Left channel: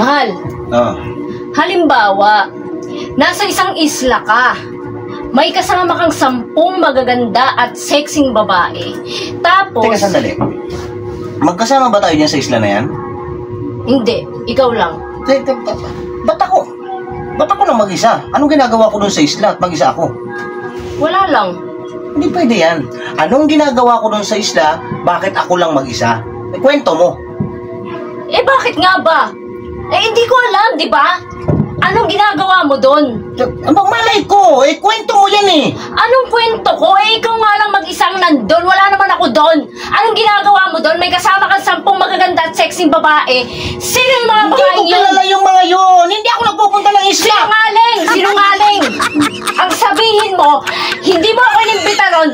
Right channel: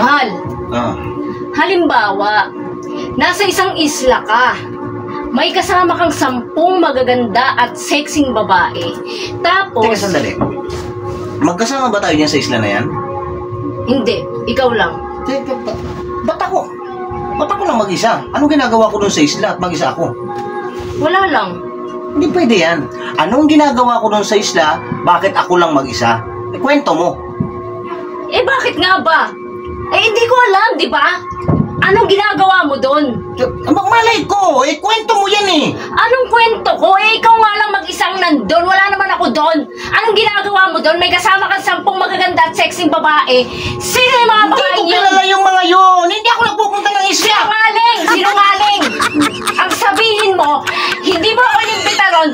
Mahal. Ah. Halimbawa, nasa isang isla ka. May kasama kang 10 magaganda at sexing babae. Tapos... Teka, sandali. Magkasama ba tayo niyan sa isla na yan? Hindi, ikaw lang. Ba't ako? Ba't ako lang mag-isa? Anong ginagawa ko dun sa isla at mag-isa ako? Wala lang. Hindi pwede yan. Anong ginagawa ko dun sa isla, bakit ako lang mag-isa? Kwento mo. Eh bakit nga ba? Eh hindi ko alam, di ba? Anong ginagawa mo doon? Malay ko, kwento mo yan eh. Anong kwento ko? Ikaw nga lang mag-isang nandun. Wala naman ako doon. Anong ginagawa mo doon? May kasama kang 10 magaganda at sexing babae. Sino yung mga babae Hindi ko kilala yung mga yun. Hindi ako nagpupunta ng isla. Sinungaling! Sinungaling! Ang sabihin mo, hindi mo ako inimbita ron